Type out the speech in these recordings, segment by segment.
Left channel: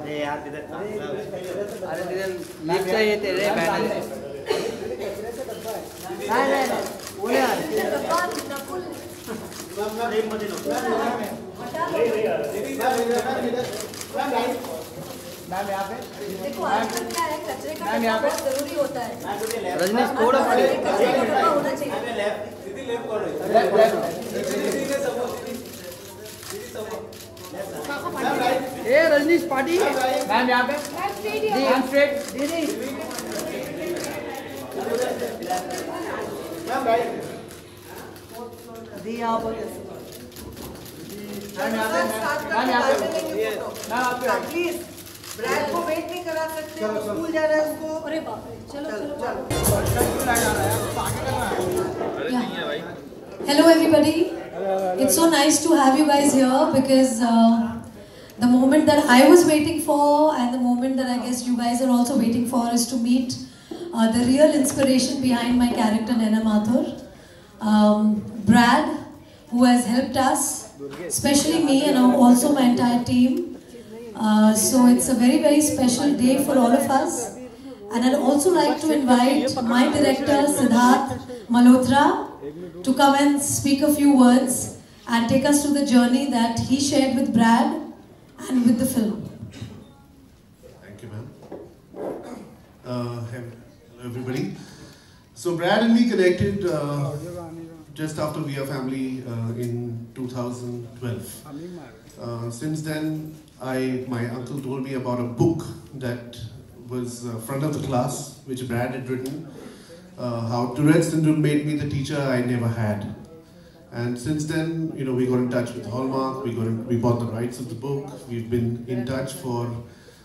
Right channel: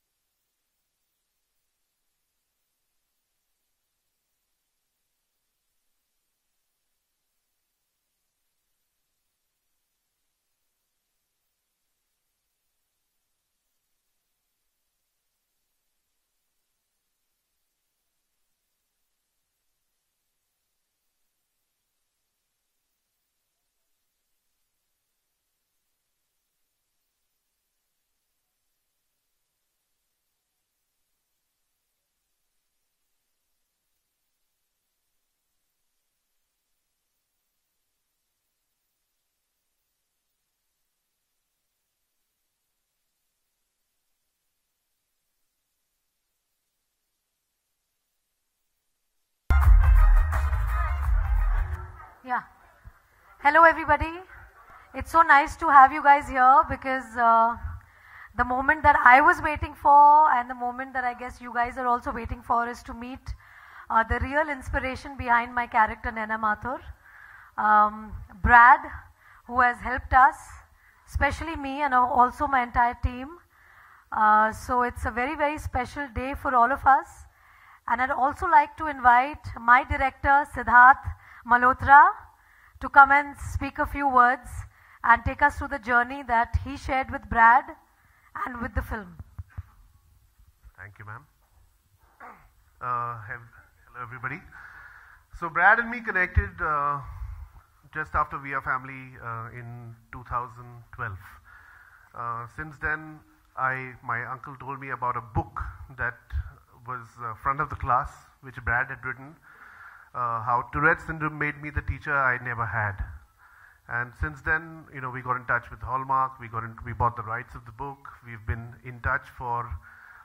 अरे यार अरे लिफ्ट से ये तेरे बैनर है नहीं बोले यार मैम यहाँ पे देखो आजकल क्या है कचरे का डब्बा बहुत जरूरी होता है रजनीश थोड़ा पड़े कचरे का डब्बा होना चाहिए लेफ्ट ए रजनीश पार्टी मैम यहाँ पे मैम स्ट्रेट दीदी मैम राइट दी यहाँ पर मैम यहाँ पे मैम यहाँ पे मैम आप प्लीज ब्रैड को वेट नहीं करा सकते वो स्कूल जा रहा है उसको अरे बाप रे चलो Hello everybody. It's so nice to have you guys here because the moment that I was waiting for and the moment that I guess you guys are also waiting for is to meet the real inspiration behind my character Naina Mathur. Brad, who has helped us, especially me and also my entire team. So it's a very, very special day for all of us. And I'd also like to invite my director, Siddharth Malhotra, to come and speak a few words and take us through the journey that he shared with Brad and with the film. Thank you, ma'am. Hello, everybody. So Brad and me connected just after We Are Family in 2012. Since then, my uncle told me about a book that was front of the class, which Brad had written, how Tourette's syndrome made me the teacher I never had. And since then, we got in touch with Hallmark, we bought the rights of the book, we've been in touch for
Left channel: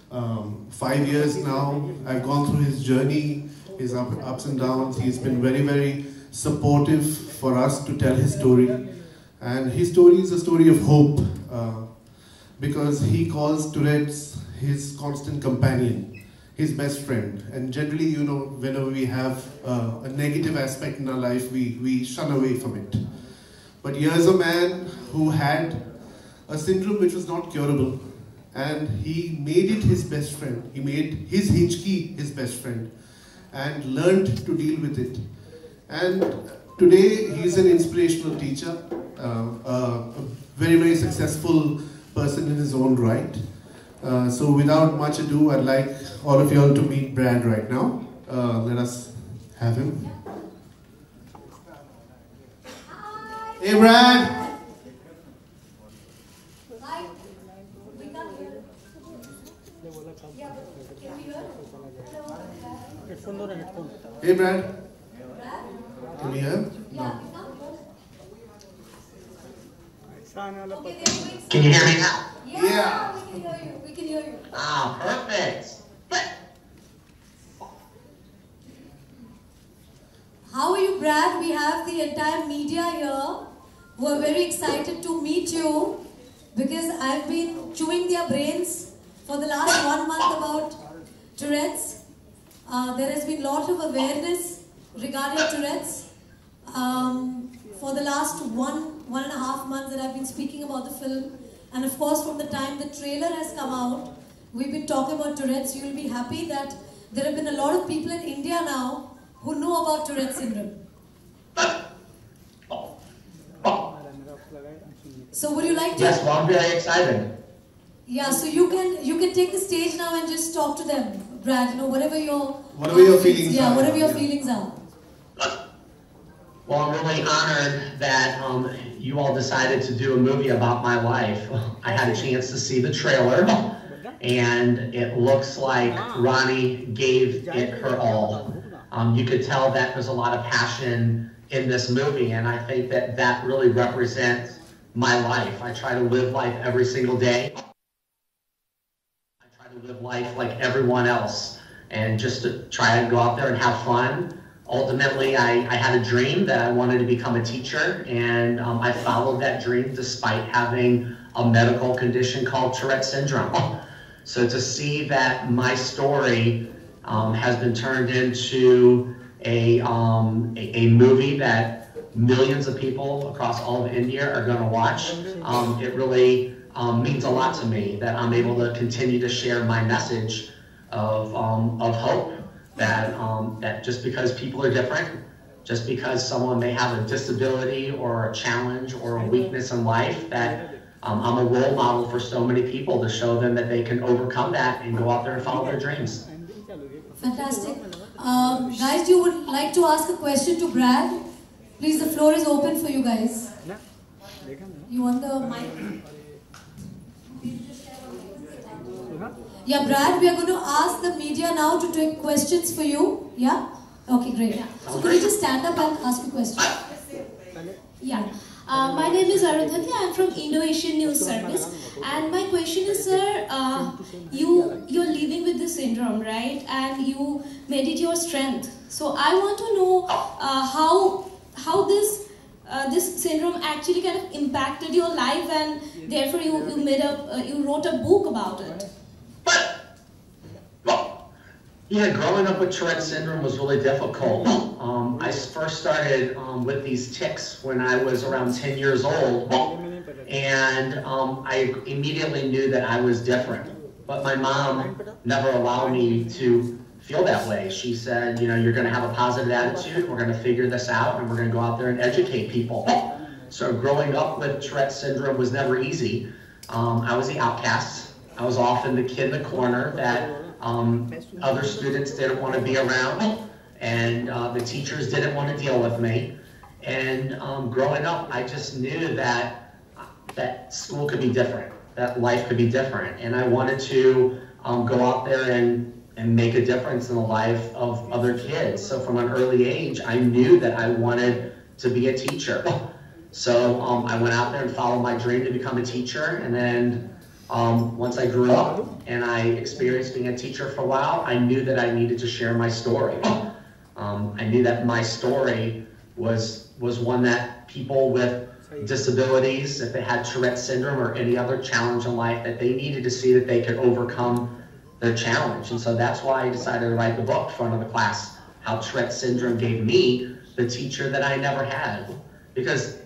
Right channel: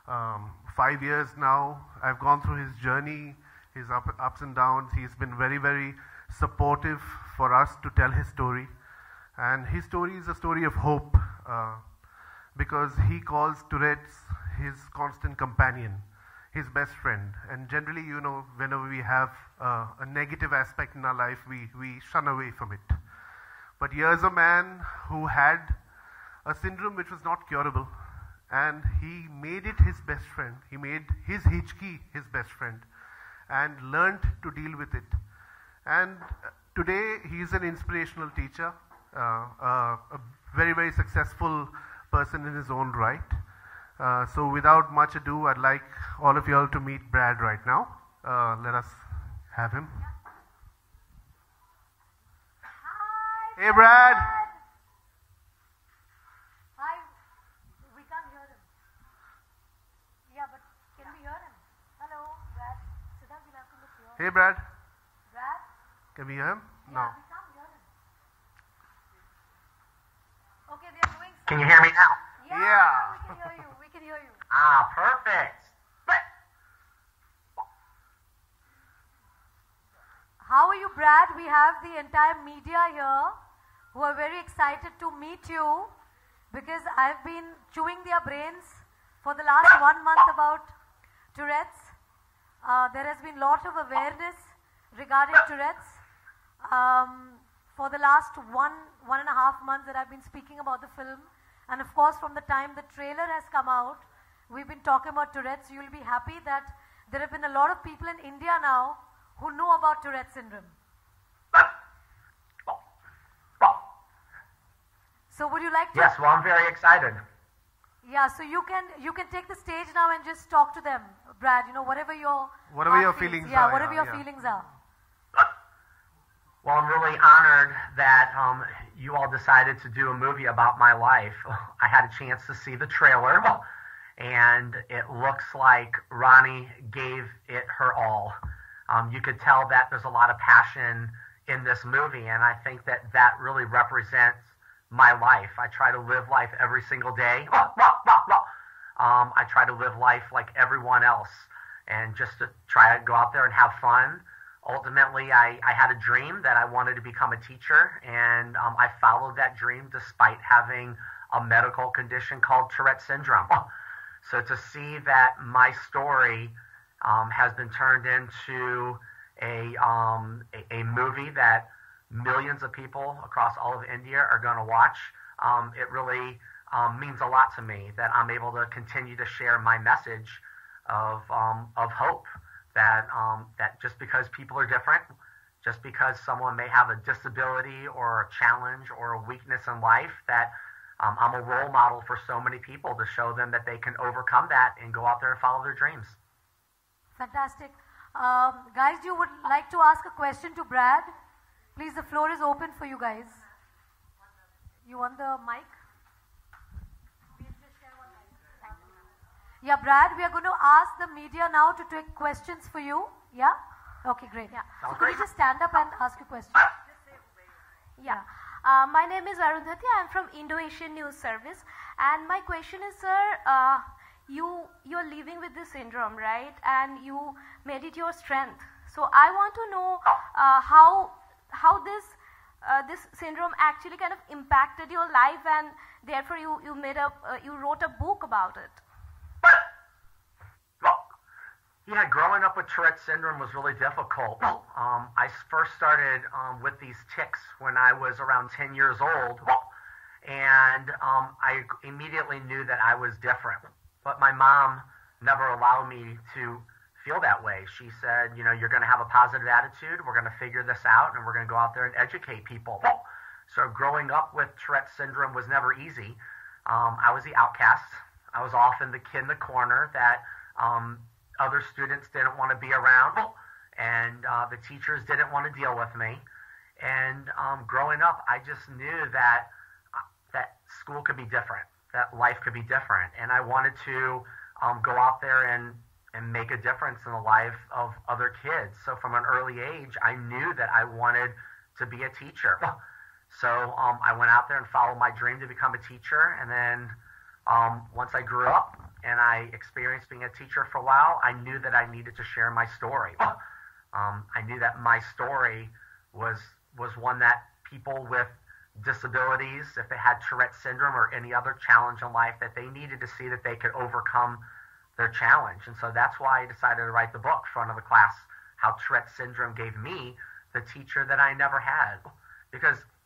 5 years now. I've gone through his journey, his ups and downs. He's been very, very supportive for us to tell his story. And his story is a story of hope. Because he calls Tourette's his constant companion, his best friend. And generally, whenever we have a negative aspect in our life, we shun away from it. But here's a man who had a syndrome which was not curable. And he made it his best friend. He made his Hichki his best friend. And learned to deal with it. And today, he's an inspirational teacher. A very, very successful person in his own right. So without much ado, I'd like all of you all to meet Brad right now. Let us have him. Hi. Hey Brad! Hi. We can't hear. Yeah, can you hear? Hello. Hey Brad! Brad? Can we hear him? No. Okay, Can you hear me now? yeah, we can hear you. We can hear you. Ah, perfect. How are you, Brad? We have the entire media here who are very excited to meet you because I've been chewing their brains for the last 1 month about Tourette's. There has been a lot of awareness regarding Tourette's. For the last one and a half months that I've been speaking about the film, and of course from the time the trailer has come out, we've been talking about Tourette's. You will be happy that there have been a lot of people in India now who know about Tourette's syndrome. So would you like to? Yes, well, I'm very excited. Yeah, so you can take the stage now and just talk to them, Brad. Whatever your feelings are. are. Whatever your feelings are. Well, I'm really honored that you all decided to do a movie about my life. I had a chance to see the trailer, and it looks like Rani gave it her all. You could tell that there's a lot of passion in this movie, and I think that really represents my life. I try to live life every single day. I try to live life like everyone else, and just to try to go out there and have fun. Ultimately, I had a dream that I wanted to become a teacher, and I followed that dream despite having a medical condition called Tourette's syndrome. So to see that my story has been turned into a movie that millions of people across all of India are going to watch. It really means a lot to me that I'm able to continue to share my message of hope, that just because people are different, just because someone may have a disability or a challenge or a weakness in life, that I'm a role model for so many people to show them that they can overcome that and go out there and follow their dreams. Fantastic. Guys, you would like to ask a question to Brad? Please, the floor is open for you guys. You want the mic? Yeah, Brad, we are going to ask the media now to take questions for you. Yeah? Okay, great. Yeah. So could you just stand up and ask a question? Yeah. My name is Arudhanya. I'm from Indo-Asian News Service. And my question is, sir, you're living with this syndrome, right? And you made it your strength. So I want to know how this syndrome actually kind of impacted your life, and therefore you wrote a book about it. Yeah, growing up with Tourette syndrome was really difficult. I first started with these tics when I was around 10 years old, and I immediately knew that I was different. But my mom never allowed me to feel that way. She said, you know, you're going to have a positive attitude, we're going to figure this out, and we're going to go out there and educate people. So growing up with Tourette syndrome was never easy. I was the outcast. I was often the kid in the corner that other students didn't want to be around, and the teachers didn't want to deal with me. And growing up, I just knew that school could be different, that life could be different, and I wanted to go out there and make a difference in the life of other kids. So from an early age, I knew that I wanted to be a teacher. So I went out there and followed my dream to become a teacher, and then once I grew up and I experienced being a teacher for a while, I knew that I needed to share my story. I knew that my story was one that people with disabilities, if they had Tourette syndrome or any other challenge in life, that they needed to see that they could overcome the challenge. And so that's why I decided to write the book for another class, how Tourette syndrome gave me the teacher that I never had. Because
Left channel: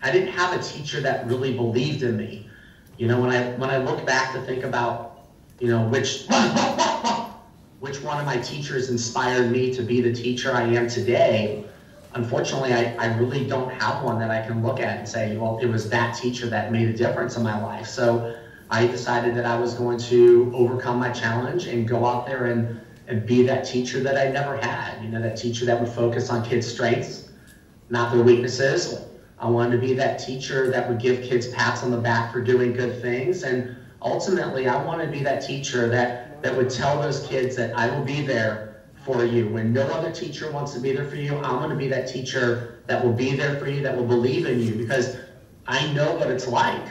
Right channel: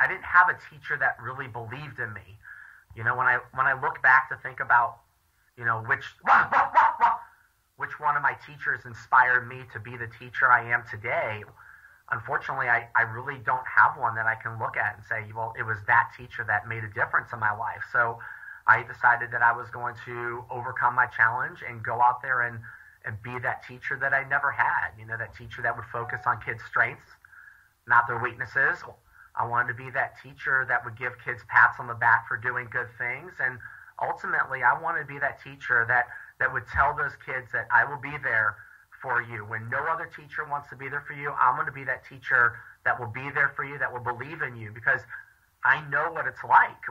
I didn't have a teacher that really believed in me. You know, when I look back to think about, you know, which one of my teachers inspired me to be the teacher I am today, unfortunately, I really don't have one that I can look at and say, well, it was that teacher that made a difference in my life. So I decided that I was going to overcome my challenge and go out there and be that teacher that I never had. You know, that teacher that would focus on kids' strengths, not their weaknesses. I wanted to be that teacher that would give kids pats on the back for doing good things. And ultimately, I want to be that teacher that would tell those kids that I will be there for you. When no other teacher wants to be there for you, I'm going to be that teacher that will be there for you, that will believe in you, because I know what it's like.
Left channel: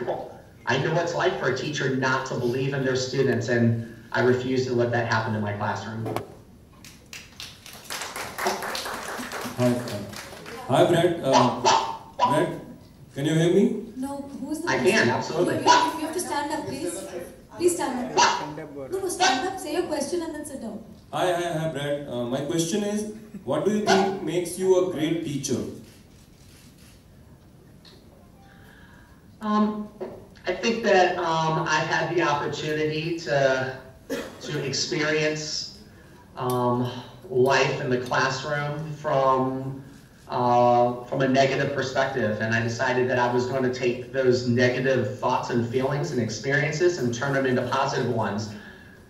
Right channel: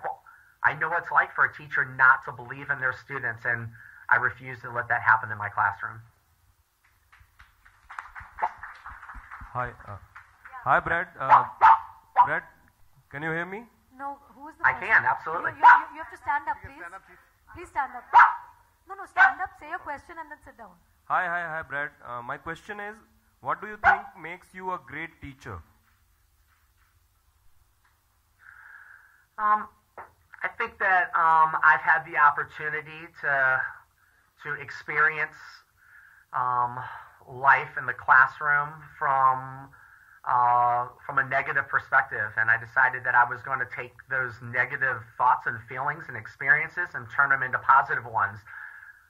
I know what it's like for a teacher not to believe in their students, and I refuse to let that happen in my classroom. Hi, Brad. Brad, can you hear me? No, who is that? I can, absolutely. You have to stand up, please. Please stand up. No, stand up, say your question and then sit down. Hi, Brad. My question is, what do you think makes you a great teacher? I think that I've had the opportunity to experience life in the classroom from a negative perspective, and I decided that I was going to take those negative thoughts and feelings and experiences and turn them into positive ones.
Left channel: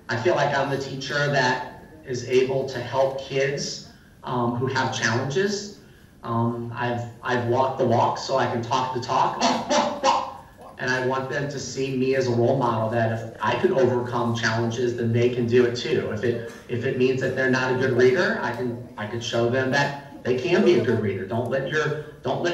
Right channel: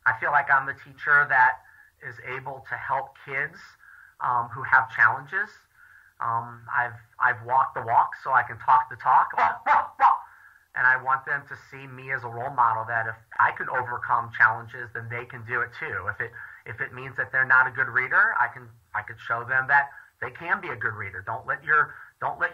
I feel like I'm the teacher that is able to help kids who have challenges. I've walked the walk so I can talk the talk. And I want them to see me as a role model, that if I can overcome challenges, then they can do it too. If it means that they're not a good reader, I can show them that they can be a good reader. Don't let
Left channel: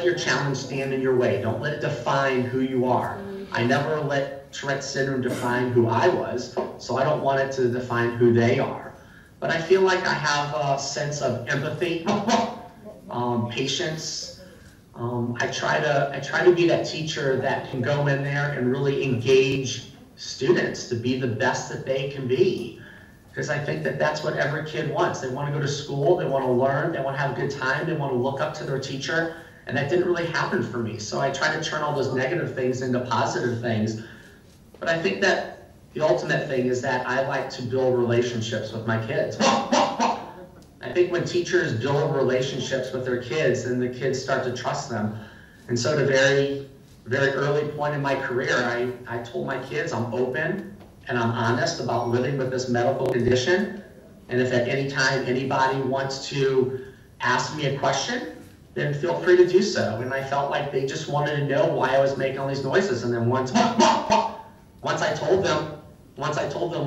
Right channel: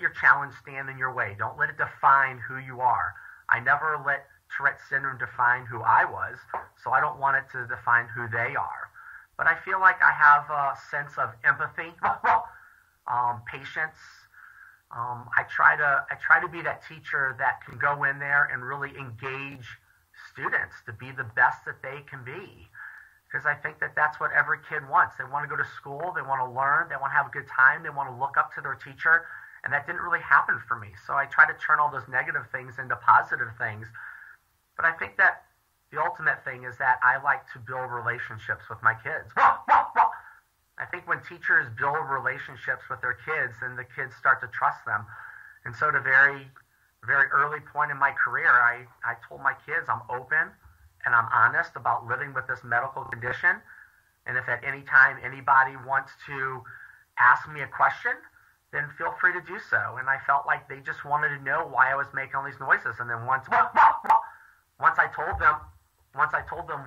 your challenge stand in your way. Don't let it define who you are. I never let Tourette syndrome define who I was, so I don't want it to define who they are. But I feel like I have a sense of empathy, patience. I try to be that teacher that can go in there and really engage students to be the best that they can be. Because I think that that's what every kid wants. They want to go to school, they want to learn, they want to have a good time, they want to look up to their teacher And that didn't really happen for me. So I tried to turn all those negative things into positive things. But I think that the ultimate thing is that I like to build relationships with my kids. I think when teachers build relationships with their kids, then the kids start to trust them. And so at a very, very early point in my career, I told my kids I'm open and I'm honest about living with this medical condition. And if at any time anybody wants to ask me a question, then feel free to do so. And I felt like they just wanted to know why I was making all these noises. And then once I told them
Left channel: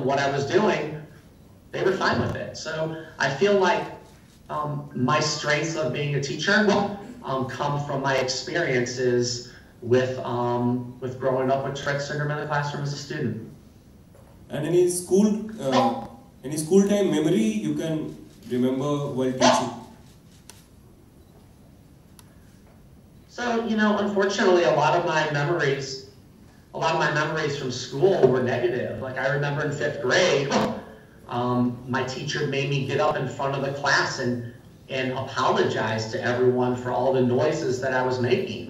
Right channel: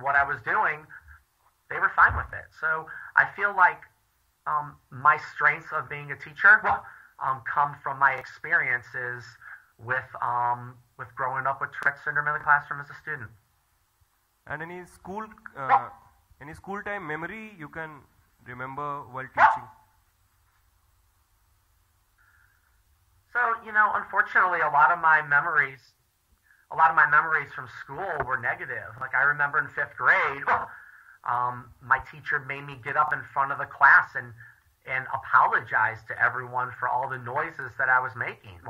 what I was doing, they were fine with it. So I feel like my strengths of being a teacher come from my experiences with growing up with Tourette syndrome in the classroom as a student. And any school time memory you can remember while teaching? So, unfortunately, a lot of my memories from school were negative. Like I remember in 5th grade, my teacher made me get up in front of the class and apologize to everyone for all the noises that I was making.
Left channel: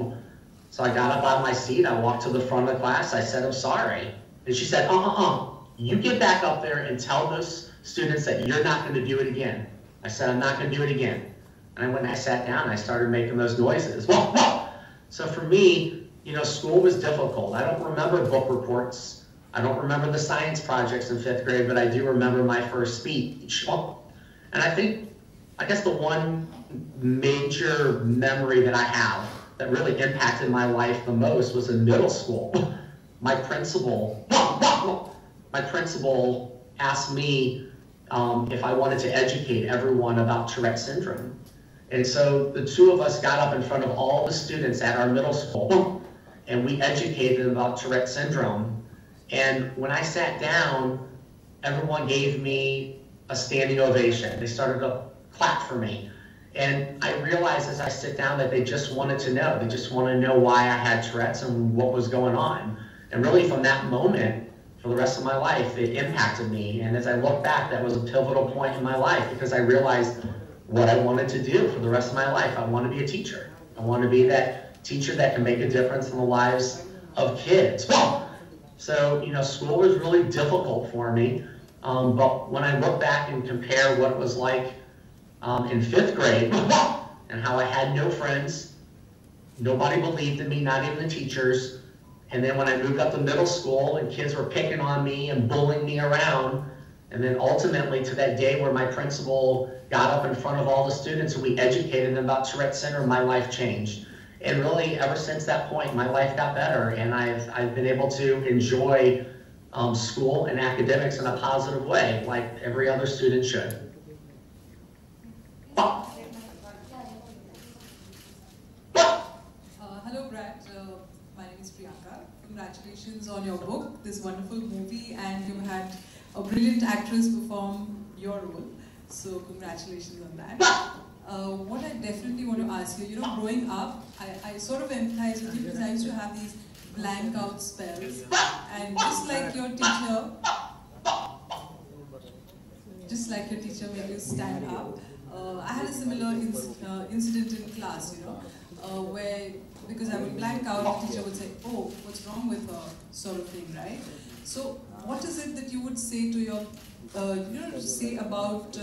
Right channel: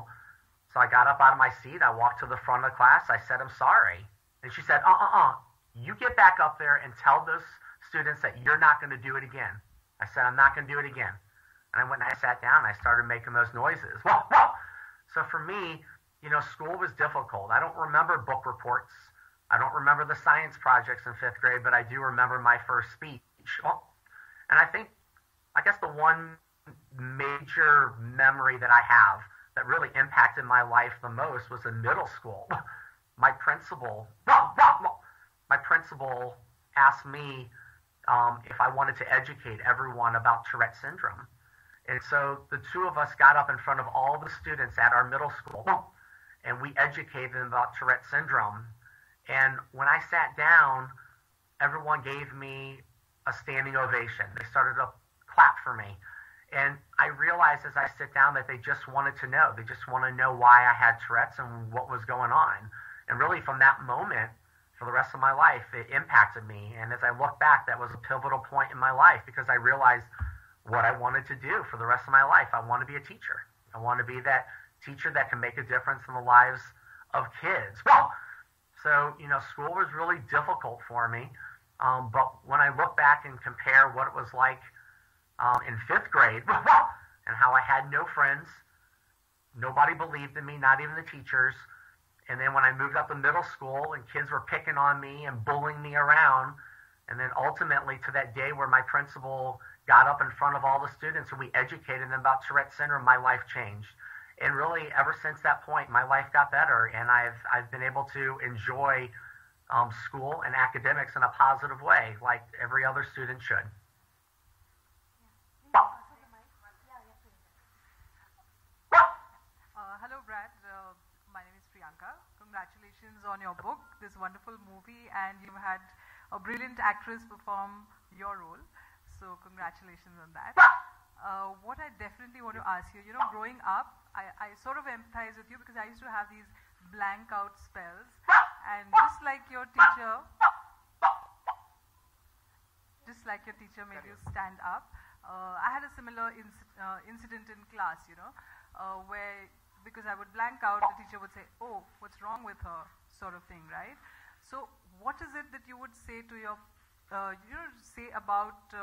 So I got up out of my seat, I walked to the front of the class, I said, I'm sorry. And she said, you get back up there and tell those students that you're not going to do it again. I said, I'm not going to do it again. And when I sat down, I started making those noises. So for me, school was difficult. I don't remember book reports. I don't remember the science projects in 5th grade, but I do remember my first speech. And I guess the one major memory that I have that really impacted my life the most was in middle school. My principal asked me if I wanted to educate everyone about Tourette syndrome. And so the two of us got up in front of all the students at our middle school and we educated them about Tourette syndrome. And when I sat down, everyone gave me a standing ovation. They started to clap for me. And I realized as I sit down that they just wanted to know. They just wanted to know why I had Tourette's and what was going on. And really from that moment, for the rest of my life, it impacted me. And as I look back, that was a pivotal point in my life because I realized what I wanted to do for the rest of my life. I want to be a teacher. I want to be that teacher that can make a difference in the lives of kids. So, school was really difficult for me. But when I look back and compare what it was like in 5th grade and how I had no friends, nobody believed in me, not even the teachers. And then when I moved up to middle school and kids were picking on me and bullying me around, and then ultimately to that day where my principal got up in front of all the students, we educated them about Tourette syndrome, my life changed. And really, ever since that point, my life got better, and I've been able to enjoy school and academics in a positive way, like every other student should. Hello, Brad. My name is Priyanka. Congratulations on your book, this wonderful movie, and you had a brilliant actress perform your role. So congratulations on that. What I definitely want to ask you, growing up, I sort of empathize with you because I used to have these blank out spells. And just like your teacher made you stand up, I had a similar incident in class, where, because I would blank out, the teacher would say, oh, what's wrong with her, sort of thing, right? So what is it that you would say to your, say about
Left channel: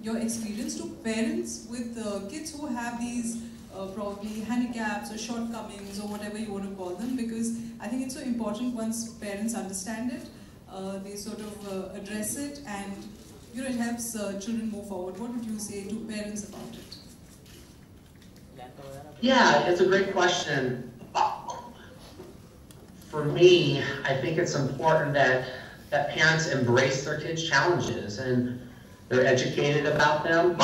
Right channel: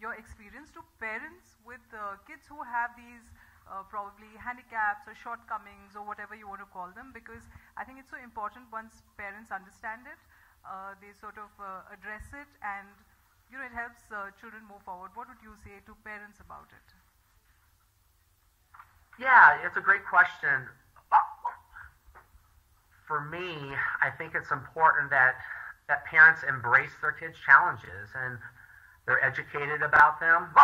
your experience to parents with kids who have these probably handicaps or shortcomings or whatever you want to call them, because I think it's so important once parents understand it, they sort of address it, and it helps children move forward. What would you say to parents about it? Yeah, it's a great question. For me, I think it's important that parents embrace their kids' challenges and they're educated about them.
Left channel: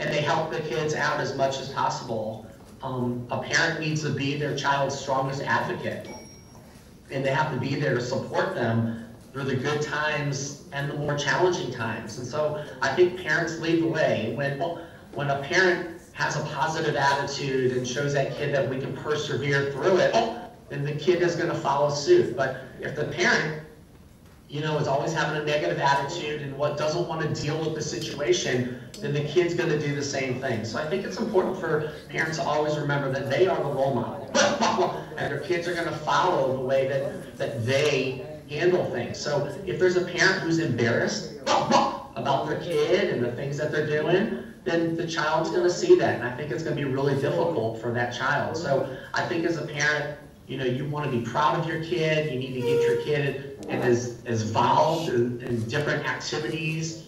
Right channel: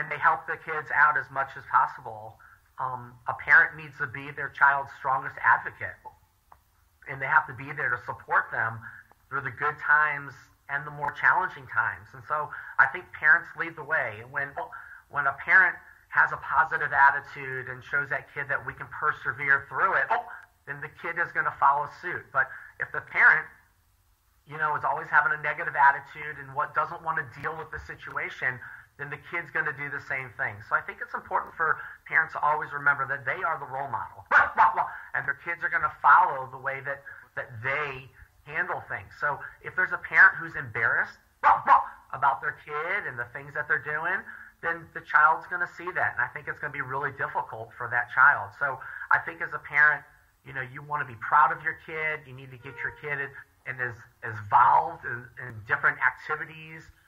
And they help the kids out as much as possible. A parent needs to be their child's strongest advocate. And they have to be there to support them through the good times and the more challenging times. And so I think parents lead the way. When a parent has a positive attitude and shows that kid that we can persevere through it, then the kid is going to follow suit. But if the parent, is always having a negative attitude and doesn't want to deal with the situation, then the kid's going to do the same thing. So I think it's important for parents to always remember that they are the role model. And their kids are going to follow the way that they handle things. So if there's a parent who's embarrassed about their kid and the things that they're doing, then the child's going to see that. And I think it's going to be really difficult for that child. So I think as a parent, you want to be proud of your kid. You need to get your kid as involved in different activities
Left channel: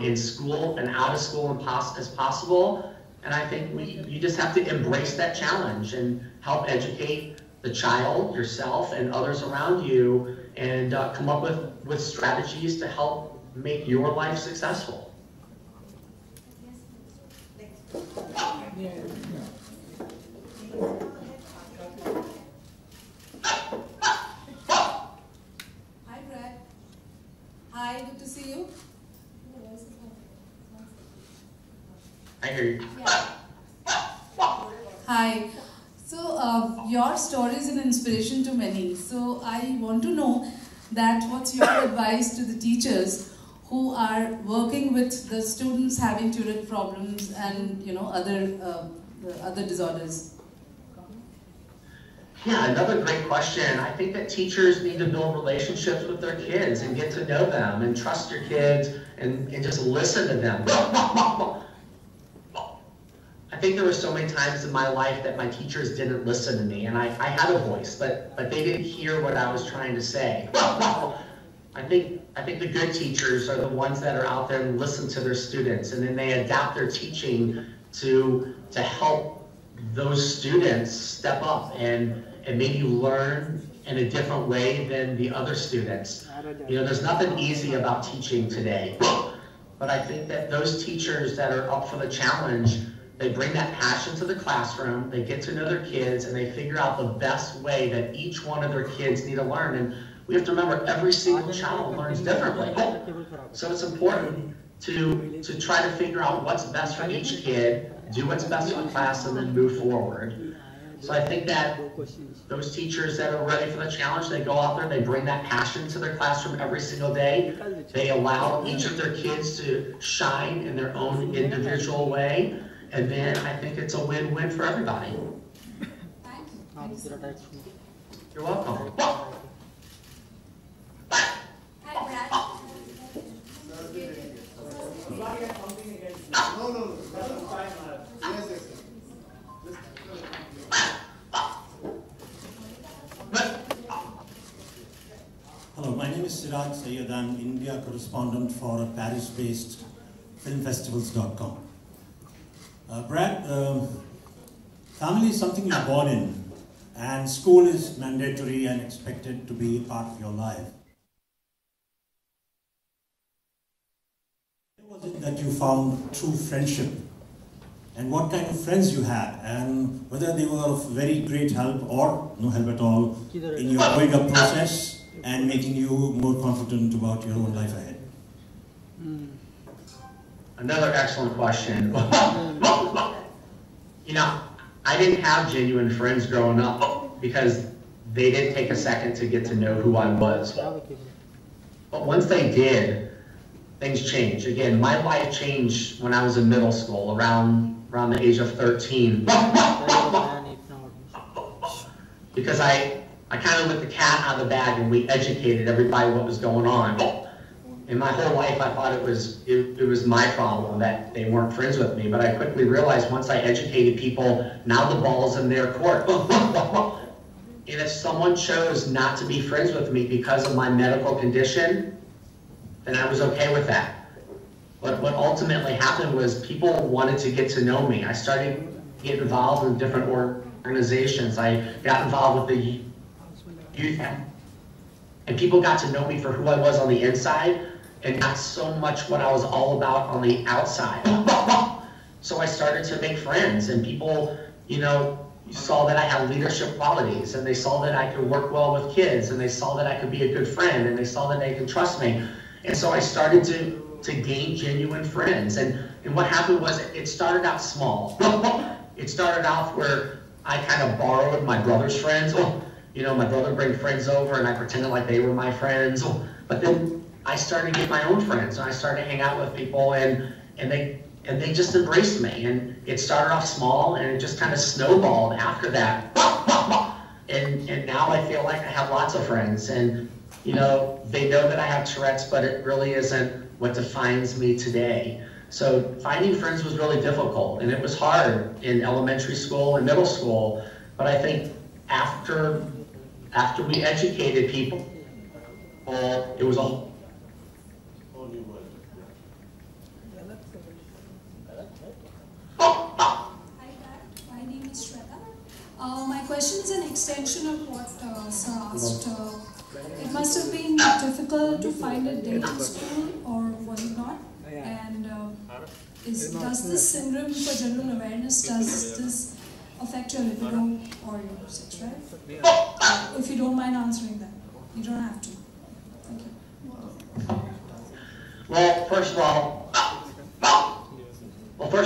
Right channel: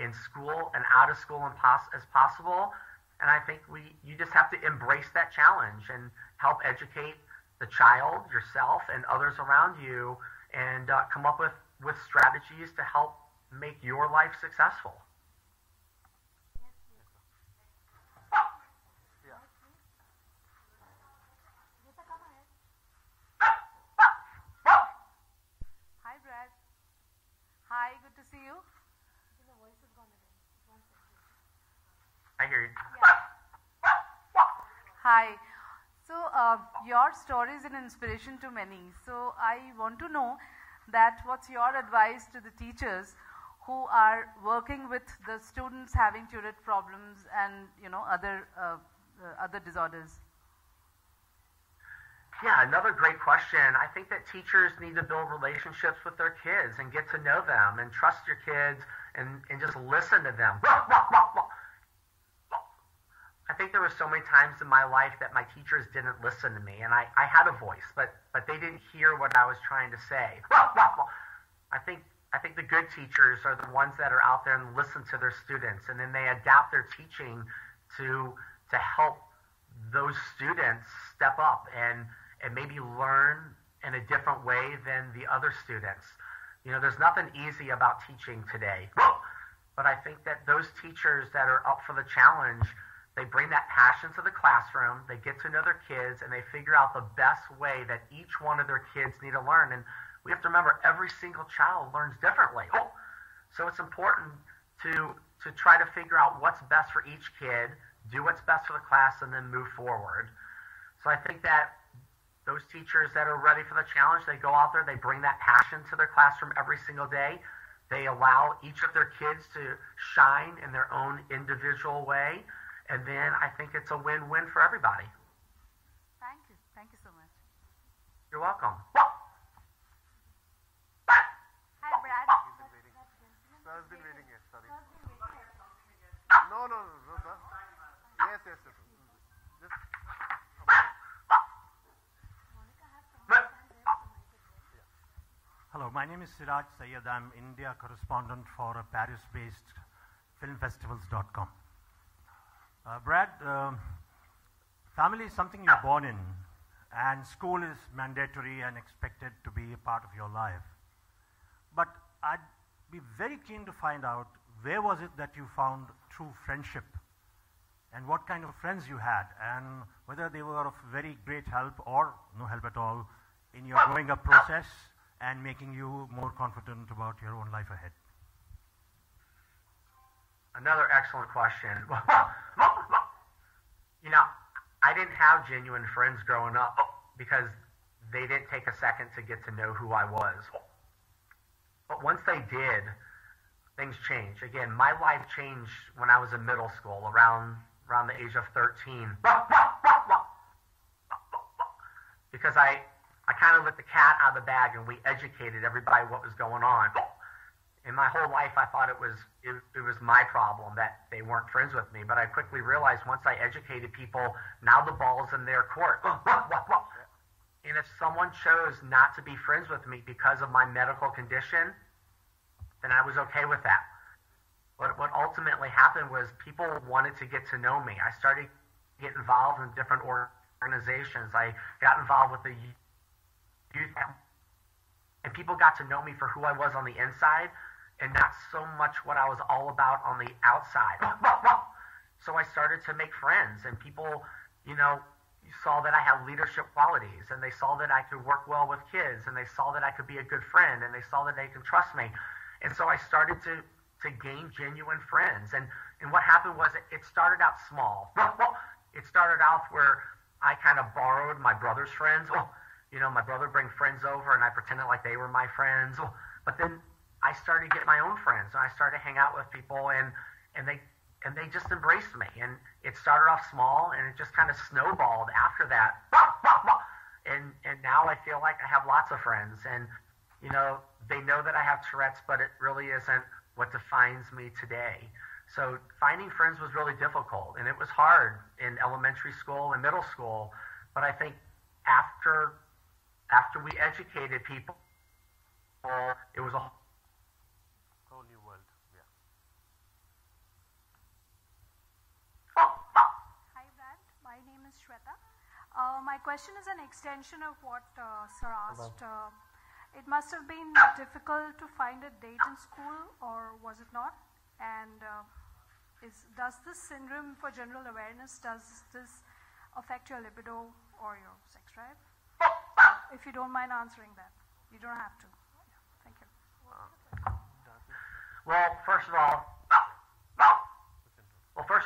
in school and out of school as possible. And I think you just have to embrace that challenge and help educate the child, yourself, and others around you, and come up with strategies to help make your life successful. Hi, Brad. Hi, good to see you. I hear you. Hi. So, your story is an inspiration to many. So, I want to know that what's your advice to the teachers who are working with the students having Tourette problems and other disorders? Yeah, another great question. I think that teachers need to build relationships with their kids and get to know them and trust your kids and just listen to them. I think there were so many times in my life that my teachers didn't listen to me, and I had a voice, but they didn't hear what I was trying to say. I think the good teachers are the ones that are out there and listen to their students, and then they adapt their teaching to help those students step up and maybe learn in a different way than the other students. There's nothing easy about teaching today, but I think that those teachers that are up for the challenge, they bring that passion to the classroom, they get to know their kids, and they figure out the best way that each one of their kids need to learn. And we have to remember, every single child learns differently. So it's important to try to figure out what's best for each kid, do what's best for the class, and then move forward. So I think that those teachers that are ready for the challenge, they go out there, they bring that passion to their classroom every single day. They allow each of their kids to shine in their own individual way. And then I think it's a win-win for everybody. Thanks. You're welcome. Hi, Brad. Hello, my name is Siraj Sayyed. I'm India correspondent for Paris-based filmfestivals.com. Brad, family is something you're born in, and school is mandatory and expected to be part of your life. But I'd be very keen to find out, where was it that you found true friendship? And what kind of friends you had, and whether they were of very great help or no help at all in your growing up process and making you more confident about your own life ahead. Another excellent question. I didn't have genuine friends growing up because they didn't take a second to get to know who I was. But once they did, things changed. Again, my life changed when I was in middle school, around the age of 13. Because I kind of let the cat out of the bag and we educated everybody what was going on. And my whole life I thought it was my problem that they weren't friends with me, but I quickly realized once I educated people, now the ball's in their court. And if someone chose not to be friends with me because of my medical condition, then I was okay with that. But what ultimately happened was people wanted to get to know me. I started getting involved in different organizations. I got involved with the youth, and people got to know me for who I was on the inside, and not so much what I was all about on the outside. So I started to make friends, and people, saw that I had leadership qualities, and they saw that I could work well with kids, and they saw that I could be a good friend, and they saw that they could trust me. And so I started to gain genuine friends. And what happened was, it started out small. It started out where I kind of borrowed my brother's friends. My brother bring friends over, and I pretended like they were my friends. But then I started to get my own friends, and I started to hang out with people, and they and they just embraced me. And it started off small, and it just kind of snowballed after that. And now I feel like I have lots of friends, and you know, they know that I have Tourette's, but it really isn't what defines me today. So finding friends was really difficult, and it was hard in elementary school and middle school. But I think after we educated people, it was all. Hi, my name is Shweta. My question is an extension of what Sir asked. It must have been difficult to find a date in school, or was it not? And does this syndrome for general awareness, does this affect your libido or your sex drive? If you don't mind answering that. You don't have to. Thank you. Well, first of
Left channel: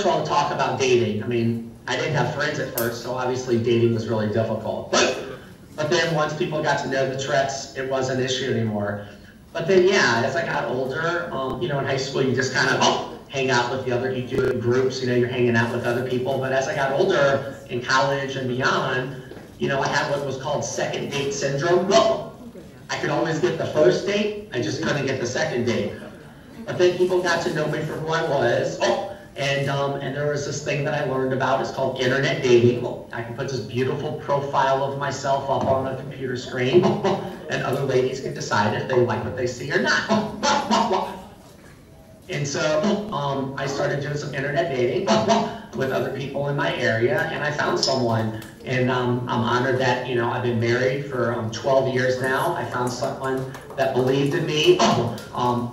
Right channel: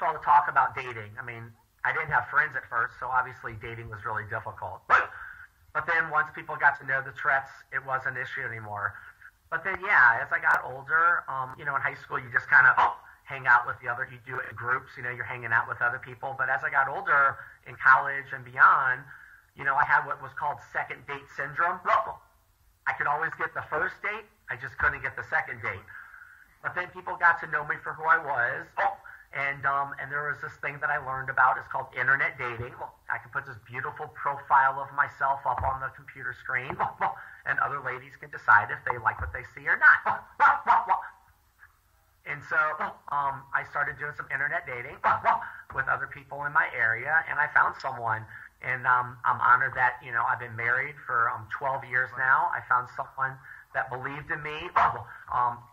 all, talk about dating. I mean, I didn't have friends at first, so obviously dating was really difficult. But then once people got to know the Tourette's, it wasn't an issue anymore. But then, yeah, as I got older, you know, in high school, you just kind of hang out with the other, you do it in groups, you know, you're hanging out with other people. But as I got older, in college and beyond, you know, I had what was called second date syndrome. I could always get the first date, I just couldn't get the second date. But then people got to know me for who I was. And there was this thing that I learned about, it's called internet dating. I can put this beautiful profile of myself up on the computer screen, and other ladies can decide if they like what they see or not. And so I started doing some internet dating with other people in my area, and I found someone. And I'm honored that, you know, I've been married for 12 years now. I found someone that believed in me,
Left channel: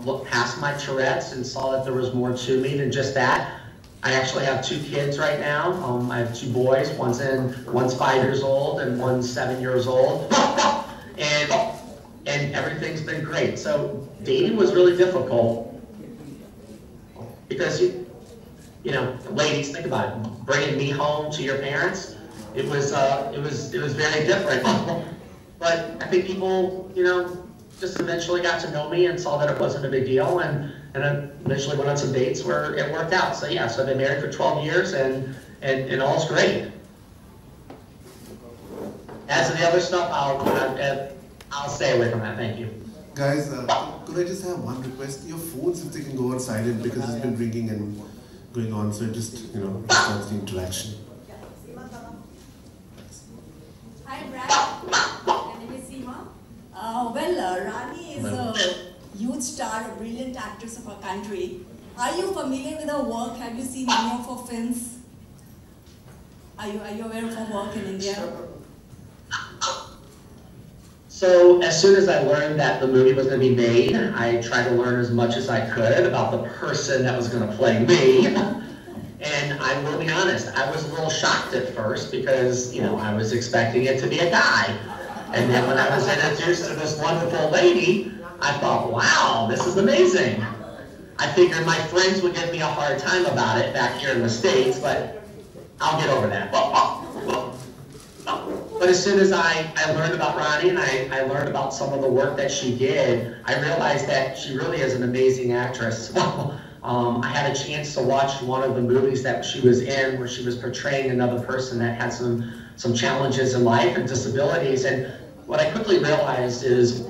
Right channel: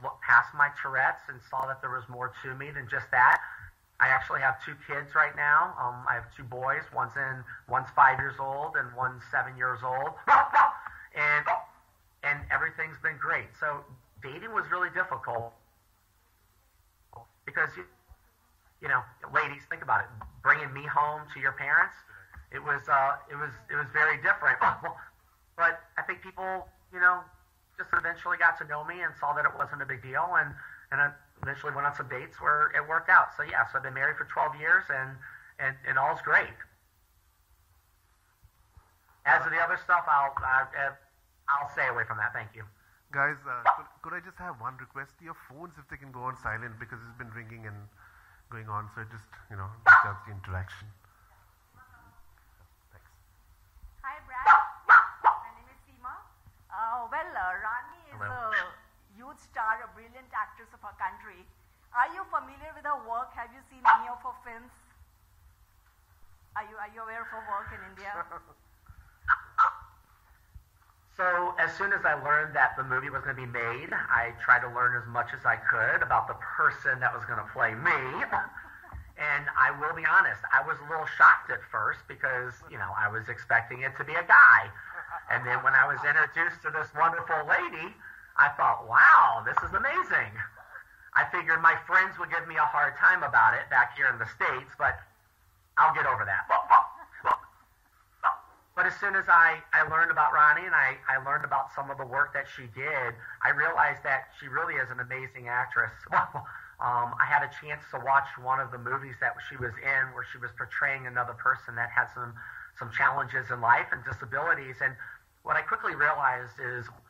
looked past my Tourette's and saw that there was more to me than just that. I actually have 2 kids right now. I have 2 boys. One's 5 years old and one's 7 years old. And everything's been great. So dating was really difficult because, you know, ladies, think about it, bringing me home to your parents. It was very different. But I think people, you know, just eventually got to know me and saw that it wasn't a big deal, and eventually went on some dates where it worked out. So yeah, so I've been married for 12 years, and all's great. As the other stuff, I'll stay away from that. Thank you. Guys, could I just have one request? Your phones, if they can go on silent, because it's been ringing and going on, so it just, you know, starts the interaction. Hi, Brad. My name is Seema. Rani is a huge star, a brilliant actress of our country. Are you familiar with her work? Have you seen any of her films? Are you aware of her work in India? So as soon as I learned that the movie was going to be made, I tried to learn as much as I could about the person that was going to play me. And I will be honest, I was a little shocked at first because, you know, I was expecting it to be a guy. And then when I was introduced to this wonderful lady, I thought, wow, this is amazing. I figured my friends would give me a hard time about it back here in the States, but I'll get over that. But as soon as I learned about Rani and I learned about some of the work that she did, I realized that she really is an amazing actress. I had a chance to watch one of the movies that she was in where she was portraying another person that had some challenges in life and disabilities. And what I quickly realized is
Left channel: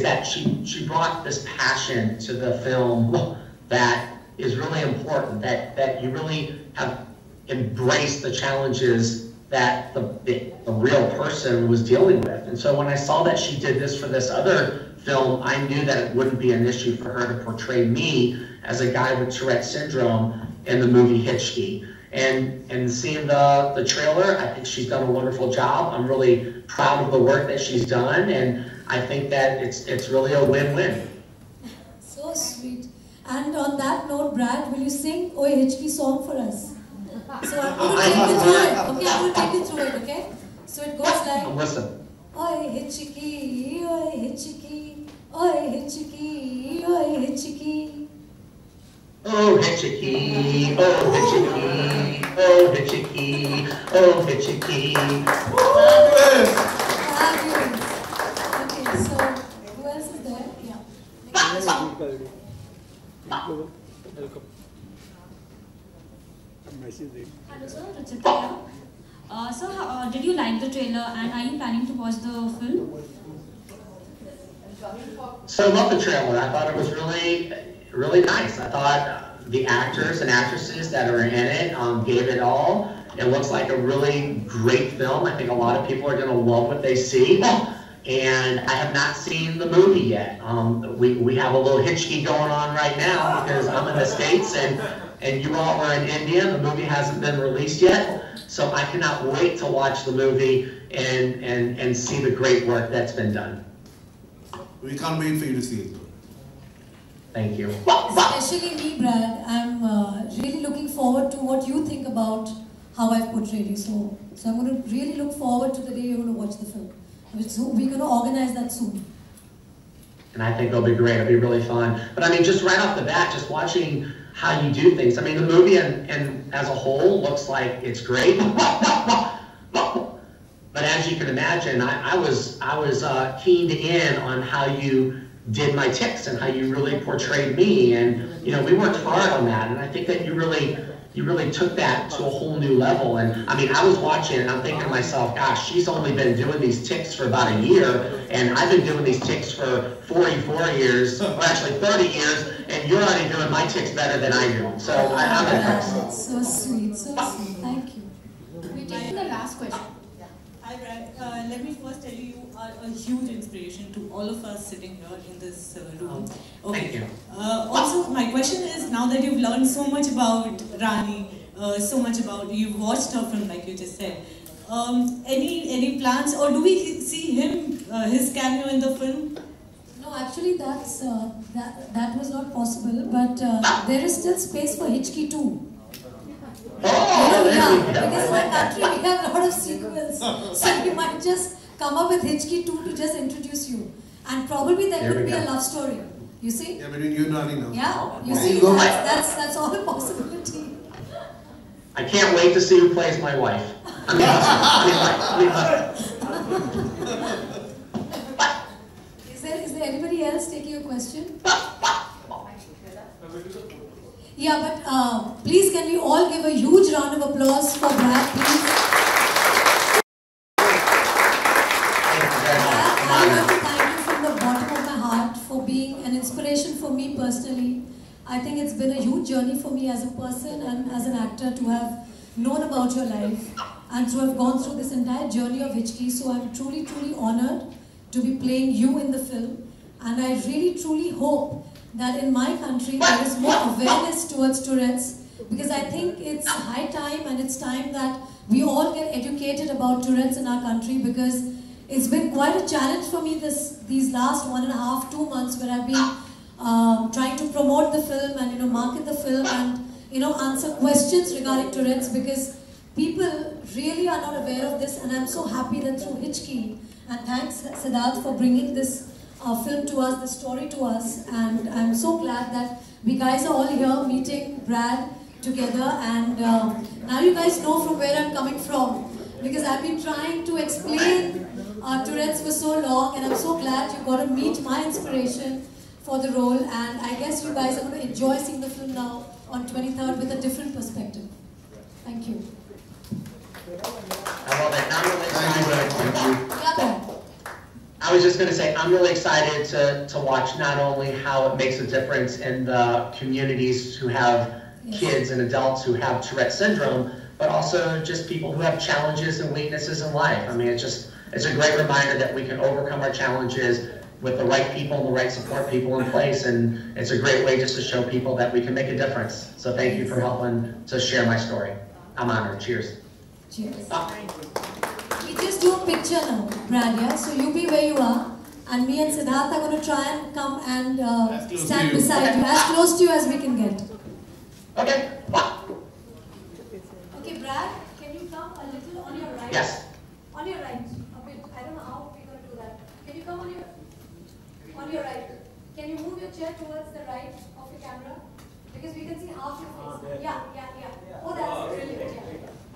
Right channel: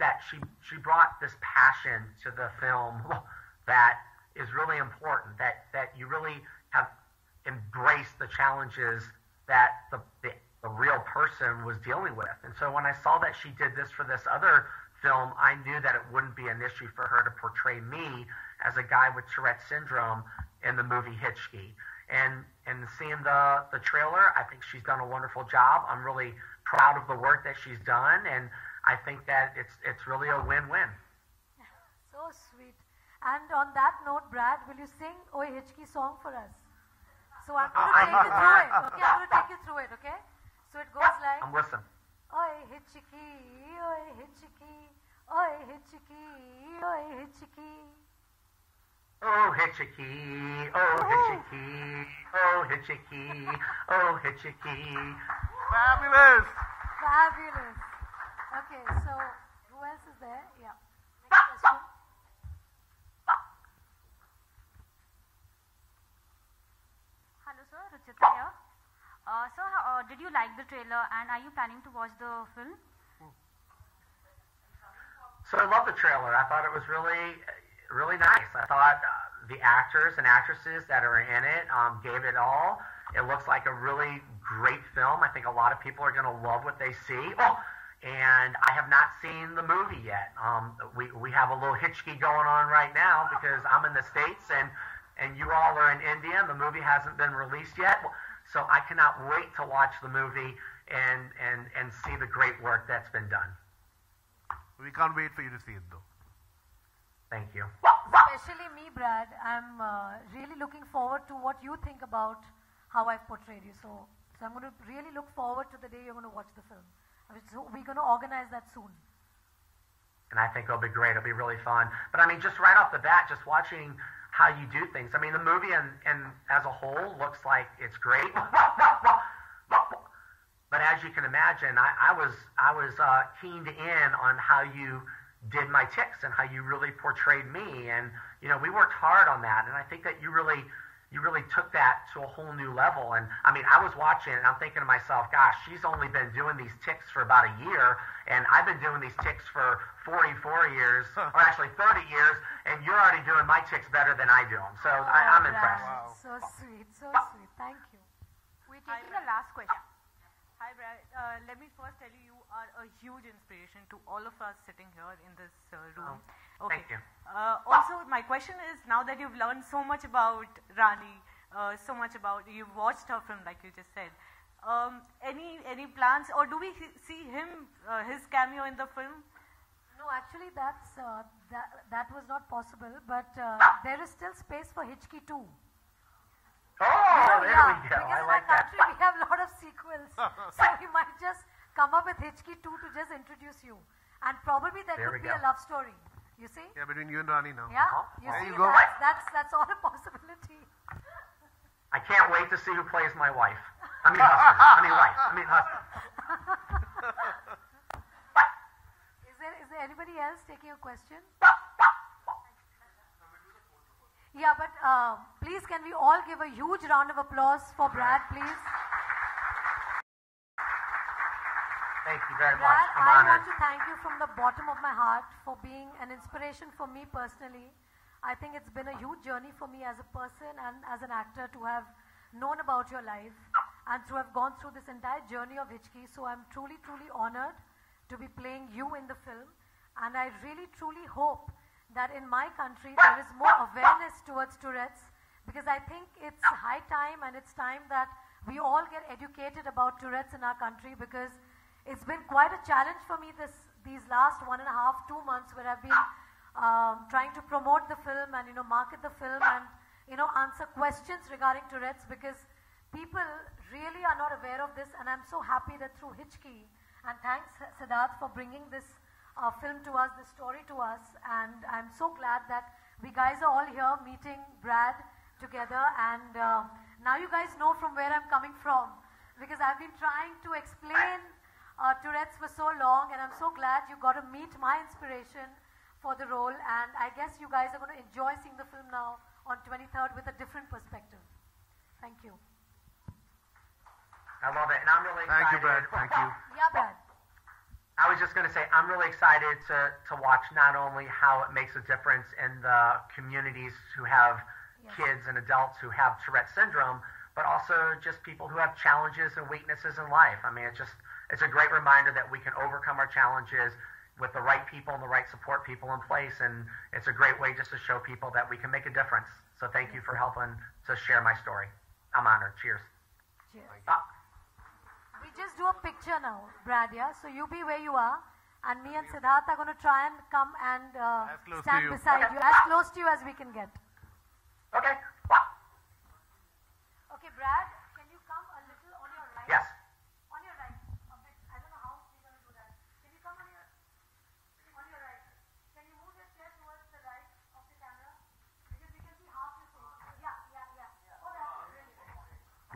that she brought this passion to the film that is really important, that you really have embraced the challenges that the real person was dealing with. And so when I saw that she did this for this other film, I knew that it wouldn't be an issue for her to portray me as a guy with Tourette's syndrome in the movie Hichki. And seeing the trailer, I think she's done a wonderful job. I'm really proud of the work that she's done, and I think that it's really a win-win. So sweet. And on that note, Brad, will you sing Oi Hichki song for us? So I'm going to take you through it. Okay, I'm going to take you through it, okay? So it goes like, Listen. Oi Hichki, Oi Hichki, Oi Hichki, Oi Hichki. Oh Hichki, oh Hichki, oh Hichki, oh Hichki. Fabulous. Okay, so who else is there? Yeah. Hello sir, Richard here. Sir, did you like the trailer and are you planning to watch the film? So I love the trailer. I thought it was really, really nice. I thought the actors and actresses that are in it gave it all. It looks like a really great film. I think a lot of people are going to love what they see. And I have not seen the movie yet. We have a little Hichki going on right now because I'm in the States and you all are in India. The movie hasn't been released yet. So I cannot wait to watch the movie and see the great work that's been done. We can't wait for you to see it though. Thank you. Especially me, Brad. I'm really looking forward to what you think about how I've portrayed you. So I'm going to really look forward to the day you're going to watch the film. So we're going to organize that soon. And I think it'll be great. It'll be really fun. But I mean, just right off the bat, just watching how you do things. I mean, the movie and as a whole looks like it's great. But as you can imagine, I was keyed in on how you did my tics and how you really portrayed me. And you know, we worked hard on that. And I think that you really took that to a whole new level. And I mean, I was watching and I'm thinking to myself, gosh, she's only been doing these tics for about a year, and I've been doing these tics for 44 years, or actually 30 years, and you're already doing my tics better than I do. So I'm impressed. So sweet, so sweet. Thank you. We take the last question. Hi, Brad. Let me first tell you, you are a huge inspiration to all of us sitting here in this room. Thank you. Also, my question is, now that you've learned so much about Rani, so much about, you've watched her film like you just said, any plans, or do we see him, his cameo in the film? No, actually that was not possible, but there is still space for Hichki too. Yeah, because my country we have a lot of sequels, so we might just come up with Hichki 2 to just introduce you, and probably there could be a love story. You see? Yeah, between you and Rani now. Yeah, you see, that's all a possibility. I can't wait to see who plays my wife. Is there anybody else taking a question? Yeah, but please can you all give a huge round of applause for Brad, please? I want to thank you from the bottom of my heart for being an inspiration for me personally. I think it's been a huge journey for me as a person and as an actor to have known about your life and to have gone through this entire journey of Hichki. So I'm truly, truly honored to be playing you in the film. And I really, truly hope that in my country there is more awareness towards Tourette's, because I think it's high time and it's time that we all get educated about Tourette's in our country, because it's been quite a challenge for me these last 1.5, 2 months where I've been trying to promote the film and market the film and answer questions regarding Tourette's, because people really are not aware of this, and I'm so happy that through Hichki, and thanks Siddharth for bringing this film to us, the story to us, and I'm so glad that we guys are all here meeting Brad together, and now you guys know from where I'm coming from, because I've been trying to explain Tourette's for so long, and I'm so glad you got to meet my inspiration for the role, and I guess you guys are going to enjoy seeing the film now on 23rd with a different perspective. Thank you. I love it. I'm really excited. Thank you. I was just going to say, I'm really excited to watch not only how it makes a difference in the communities who have kids and adults who have Tourette syndrome, but also just people who have challenges and weaknesses in life. I mean, it's a great reminder that we can overcome our challenges with the right people and the right support people in place, and it's a great way just to show people that we can make a difference. So thank you for helping to share my story. I'm honored. Cheers. Cheers. We just do a picture now, Brad, yeah? So you be where you are, and me and Siddharth are going to try and come and stand beside you, as close to you as we can get. Okay. Okay, Brad, can you come a little on your right? Yes. On your right. A bit. I don't know how we're going to do that. Can you come on your right? Can you move your chair towards the right of the camera? Because we can see half your face. Yeah. Oh, that's brilliant.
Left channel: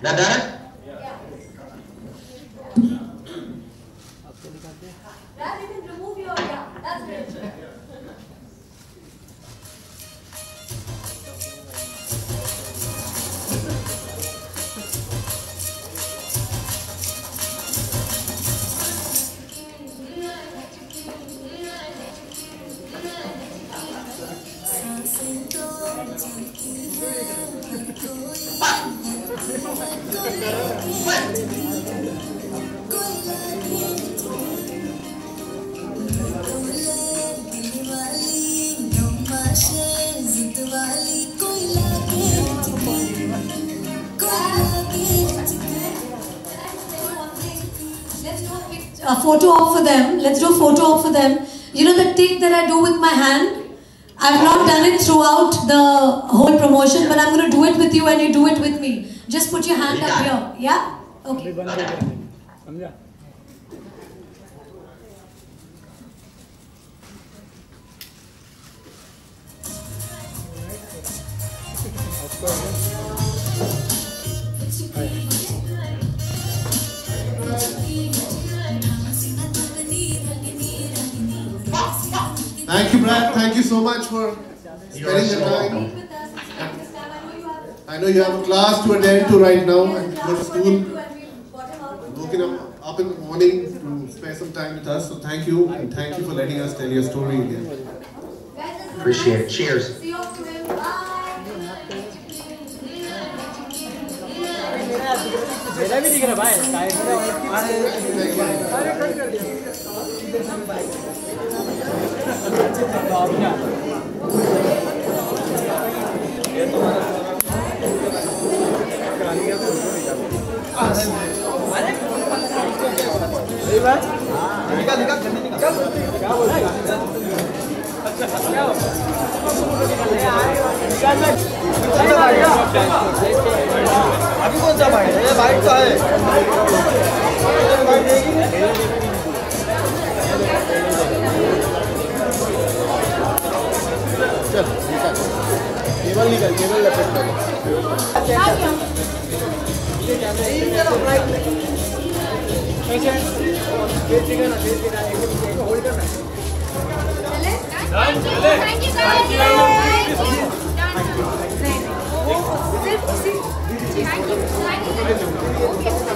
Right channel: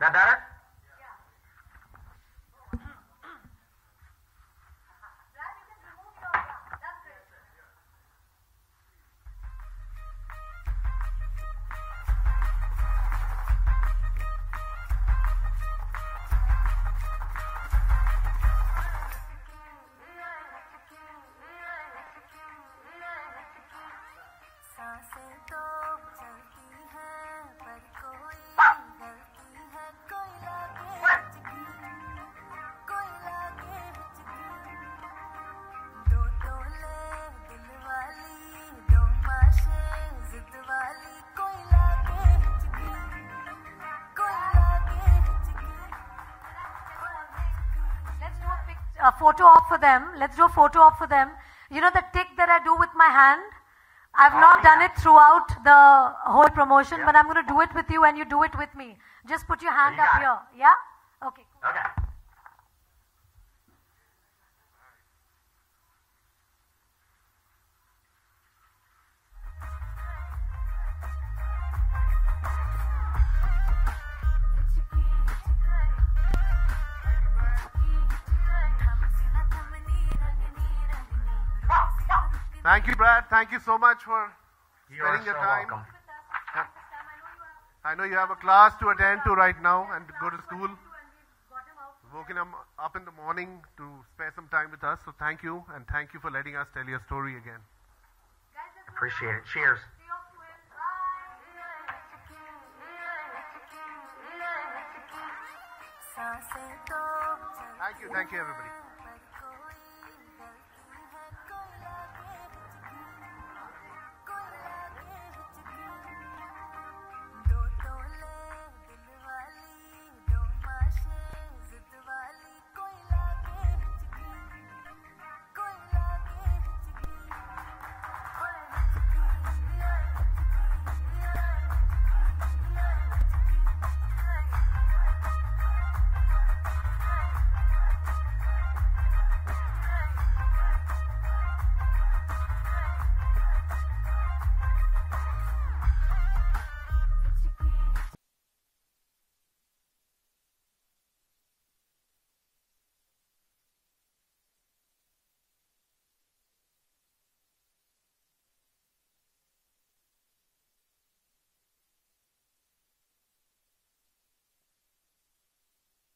Yeah. Brad, you can remove your, that's great. a photo op for them. Let's do a photo op for them. You know the thing that I do with my hand? I've not done it throughout the whole promotion, but I'm going to do it with you and you do it with me. Just put your hand up here. Yeah? Okay. Thank you, Brad. Thank you so much for spending the time. I know you have a class to attend to right now and go to school. Woken up in the morning to spend some time with us. So thank you, and thank you for letting us tell your story again. Appreciate it. Cheers. अभी कौन सा bike है? ये bike तो है। चल cable निकल, cable लपेट कर। होल्ड करना। Thank you Thank you.